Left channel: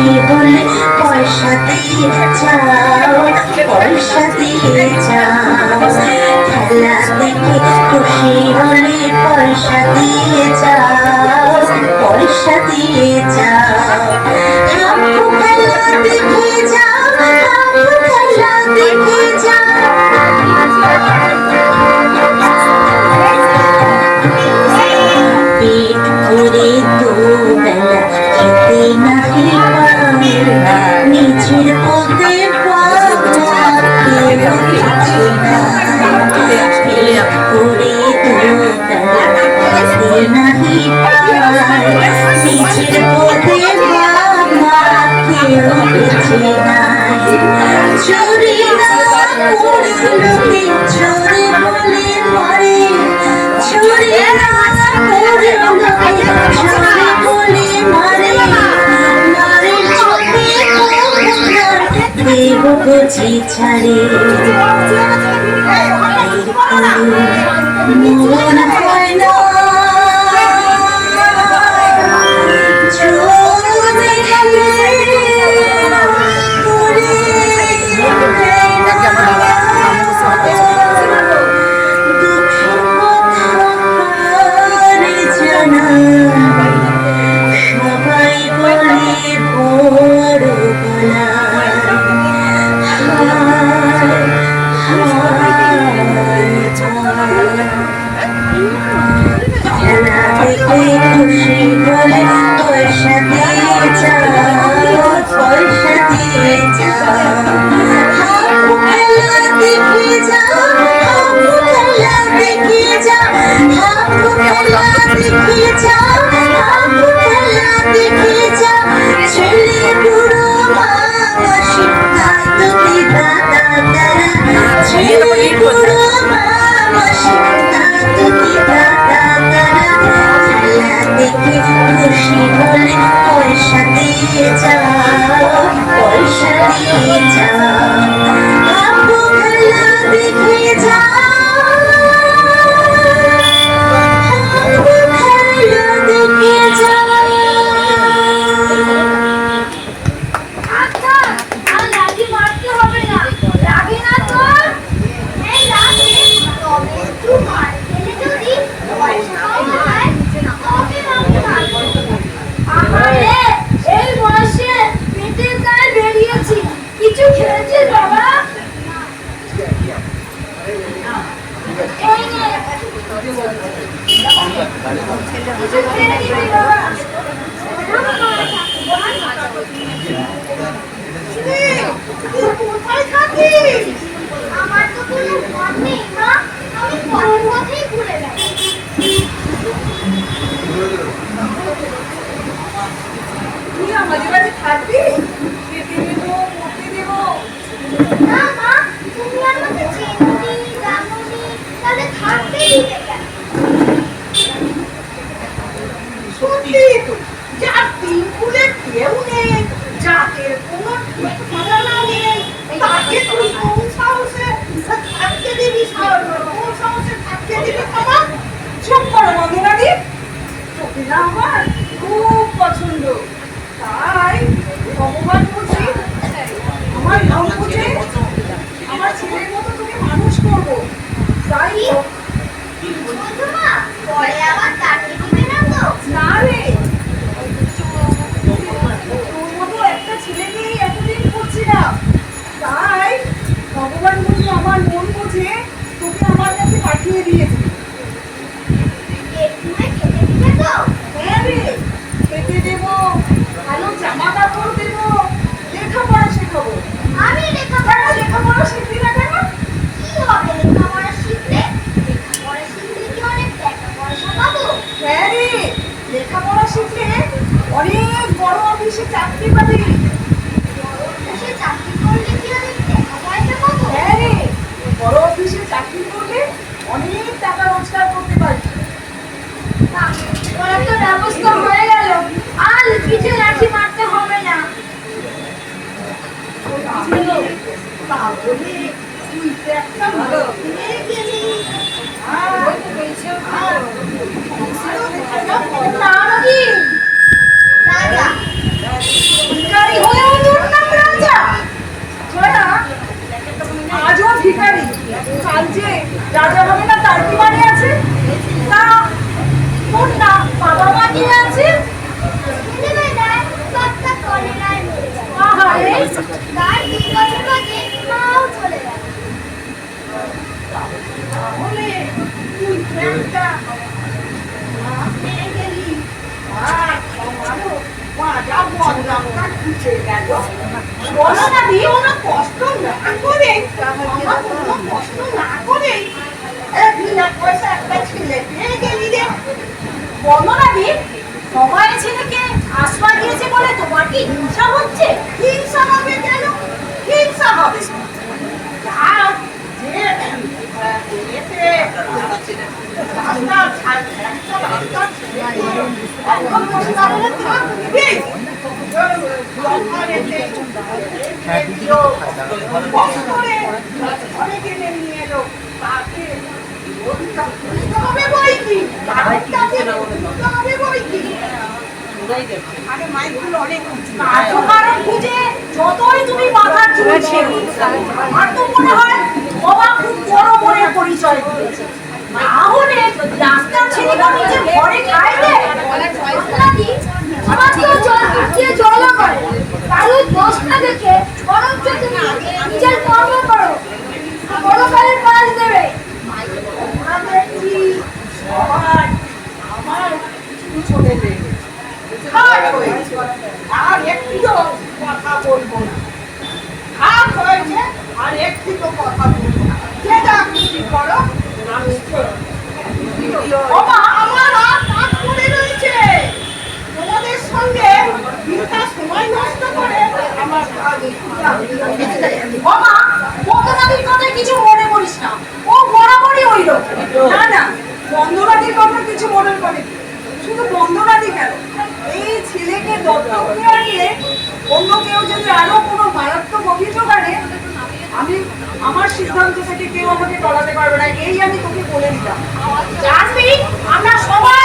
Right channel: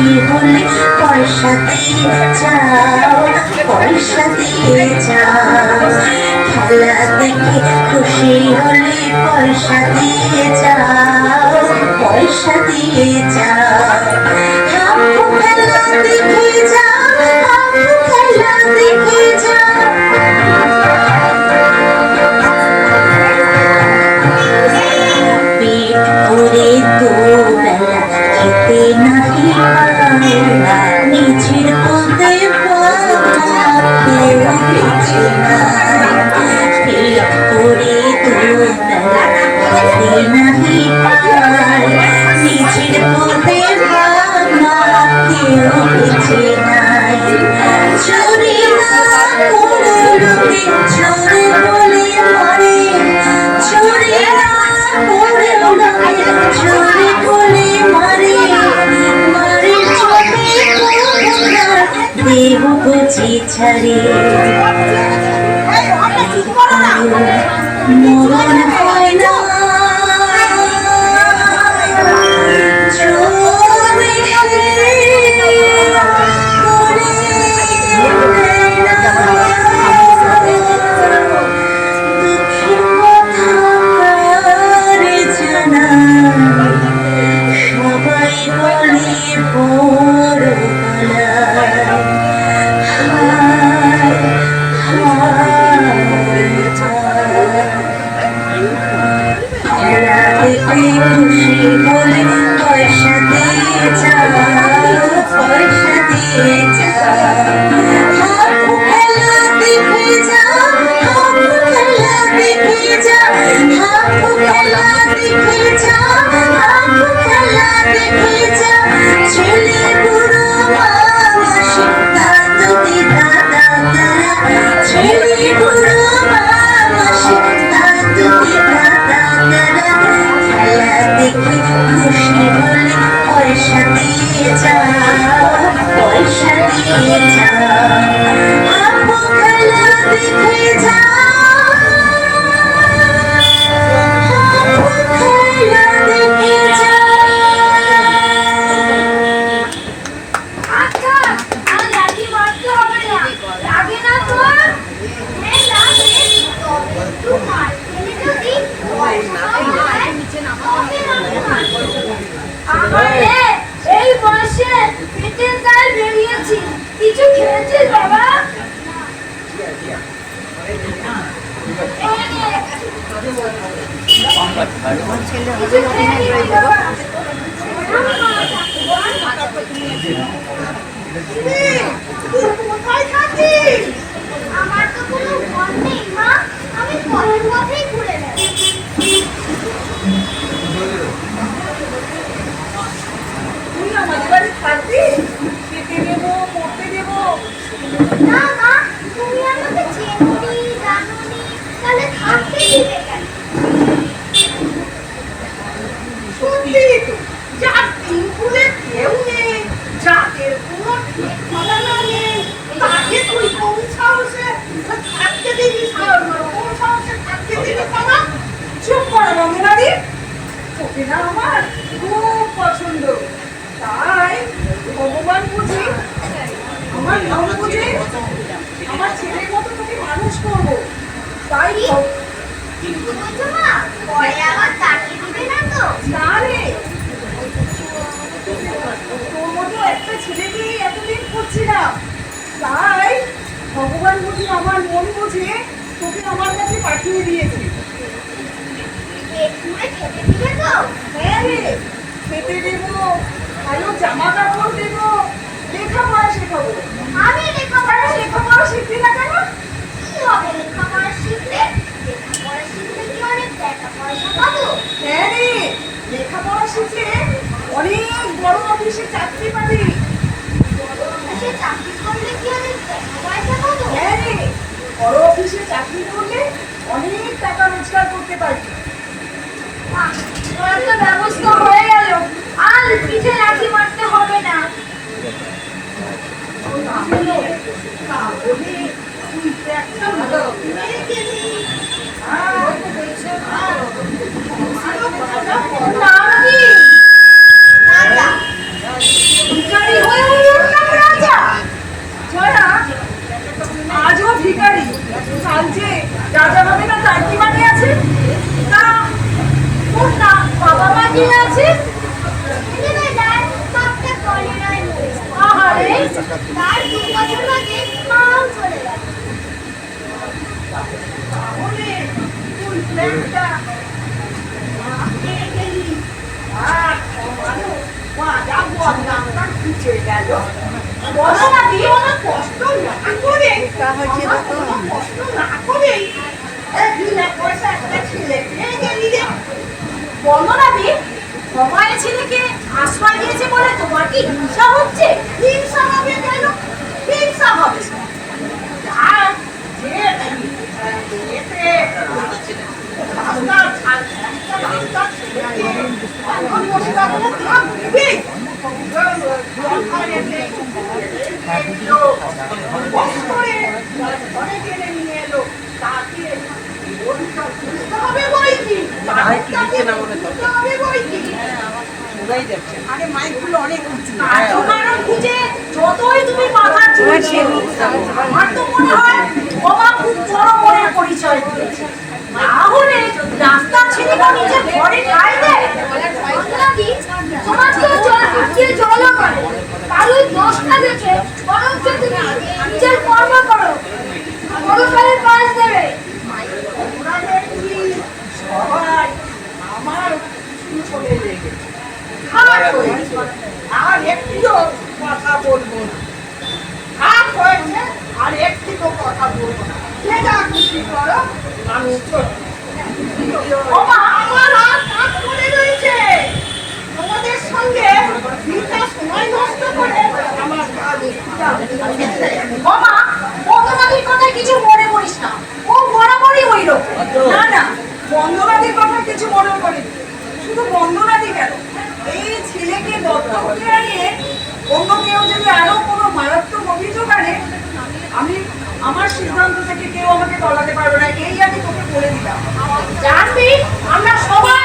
খুশি হলে পয়সা দিয়ে যাও, পয়সা দিয়ে যাও। খেলা দেখে খুশি হলে পয়সা দিয়ে যাও, পয়সা দিয়ে যাও। হাম্পু খেলা দেখে যাও, হাম্পু খেলা দেখে যাও। পেট ভরে দুবেলা খেতে নাহি পারে, নিজের বলতে বাবা কেউ কিছু নাই। পেট ভরে দুবেলা খেতে নাহি পারে, নিজের বলতে বাবা কেউ কিছু নাই। চুরি না করে লোকে চোরে বলে মরে, চুরি না করে লোকে চোরে বলে মরে। মারে চোখে দেব বুঝি ছাড়ে, মন হয় না সবাই বলে বড় খেলা দেখে খুশি হলে পয়সা দিয়ে যাও, পয়সা দিয়ে যাও। হাম্পু খেলা দেখে যাও, হাম্পু খেলা দেখে যাও। হাম্পু খেলা দেখে যাও, হাম্পু খেলা দেখে যাও। ছেলে বুড়ো মা মাসি দাদু দিদা দাদারা, ছেলে বুড়ো মা মাসি দাদু দিদা দাদারা। খেলা দেখে খুশি হলে পয়সা দিয়ে যাও, পয়সা দিয়ে যাও। হাম্পু খেলা দেখে যাও, হাম্পু খেলা দেখে যাও। আচ্ছা, আর লাঠি মারতে হবে না, লাগে না তোর? হ্যাঁ লাগে, তবে একটু মার খেলে যদি পয়সা পাওয়া যায়, তবে আমি মারবো। আহারে, এই বয়সে পেটের দায় বেরিয়েছি, কিছু খেয়েছিস বাবা? এই নে। কিছু খেয়ে নিবি বাবা। কোথায় থাকিস? আমার তো কোনো ঘর নেই মা, আমি পথে পথেই ঘুরে বেড়াই। তুই আমাদের বাড়ি থাকবি? খেতে দেবো, পড়তে দেবো। না মা, তুমি আমাকে চেনোনি জানোনি, তাহলে থাকতে দিবে কেন? সত্যি তো, যার তিন ফুলে কেউ নেই, জাতের কোনো ঠিকানা নেই, তাকে তুই কোন সাহসে থাকতে দিবি? কোন সাহসে থাকতে দিবি বাবা? চুপ করো মমরানি, তোকে না আমার খুব পছন্দ, তাই ভগবান বুঝি আমার নাম বুঝে আমার ছেলের মতো তোকে মানুষ করবো। তাই বলছো মা, পরে আবার তাকে দিবে না তো? না রে, তোর মতো একটা ছেলেকে এতদিন করছিলাম, তাই ভগবান বুঝি আমার মন বুঝে তোকে আমার কাছে পাঠিয়ে দিয়েছে। পেট পুড়ে খেতে দিবে তো? হ্যাঁ রে, খেতে দেবো, ভালো জামা কাপড় দেবো, লেখাপড়া শেখাবো। আমি লেখাপড়া লেখাপড়া শিখবি না কেন? কি হবে লেখাপড়া শিখলে? লেখাপড়া শিখলে কি অনেক টাকা পয়সা পাবো? হ্যাঁ রে, লেখাপড়া শিখলে অনেক বড় অফিসে চাকরি পাবি। বড় অফিসে চাকরি করলে কি অনেক টাকা পয়সা পাবো? হ্যাঁ রে, বড় অফিসে চাকরি করলে অনেক টাকা রোজগার করতে পারবি। ওরা তো ব্যবস্থা হয়ে গেল, আর পিঠে লাঠি মারতে হবে না। তাহলে তুই তো একটা ভালো নাম কি? রাজা। ভিখারি হয়েও তোর নাম রাজা? জয়া, আজও ভিখারি, কাল যে রাজা হবে না তার কি মানে আছে? তা তোর না বাবা মা কে আছে? ছেলেবেলায় বাপটা কলেরায় মরে গেল। আহারে, তার 2 বছর বাদে মাও চলে গেল। তাহলে তুই তো একটা মা পেয়ে গেলি। আর আমারও মাজা বদনামটা ঘুচে গেল। বলো না দি, কোনো কষ্ট না করে, আমার কোনো কষ্ট না করে বিনা পয়সা একটা ছেলে পেয়ে গেলি রে। বলো না দি, তোমার ছেলেকে আশ্রয় দিয়েছে বলে তোমার কি হিংসা হচ্ছে? হিংসা হবে কেন? হিংসা হবে আর যে পেয়েছে রাস্তার ছাড় একটা রাস্তার ছেলেকে এখন বসে থাকলে থাকবে। ঘরে গেলে নিয়ে এলো তাকে হবে বই কি হবে বই কি আরে মাইকগুলো অনেক উঁচু। কারণ খুঁজে যতই তুমি মাথা চুলছে আমার তো মনে হয় বাবা খুব বড় বড়ের পরিচয় দিয়েছে। না হলে রাস্তার ছেলেকে নিজের ঘরে খাই দেয়। আপনাদি, তোমার তো জল দিয়ে জলও করে। কারোর দোষ না দেখে বরঞ্চ তুমি নিজের কর্ম করো, বড়কালের পাশ দেবে। আমরা দেখছি সবাই আমার পিছু চলে লেগে খাট হয়েছে, আর একটিও কথা বলবো না। খাট হয়েছে আর একটিও কথা বলবো না। যেটা খুশি করো, আমি চলি। বাবা, আমার হাত কাজ করে রয়েছে। তোমাদের সঙ্গে বৃথা সময় নষ্ট করে আমার কাজ বাবা, বন্দনাদির কথা কিছু মনে করিস না, ও বরাবরই ওই লোক। না না, বন্দনাদির কথা কিছু মনে করিনি। শুধু বন্দনাদি কেন, এই ছেলেকে দত্তক দেওয়া নিয়ে অন্য কেউ যদি আরো কোনো মারাত্মক অভিযোগ আনে, আমি আমার সিদ্ধান্ত থেকে কেউ আমাকে টলাতে পারবে না, এই আমি তোকে বলে দিলাম। জানবি, আমরা সবাই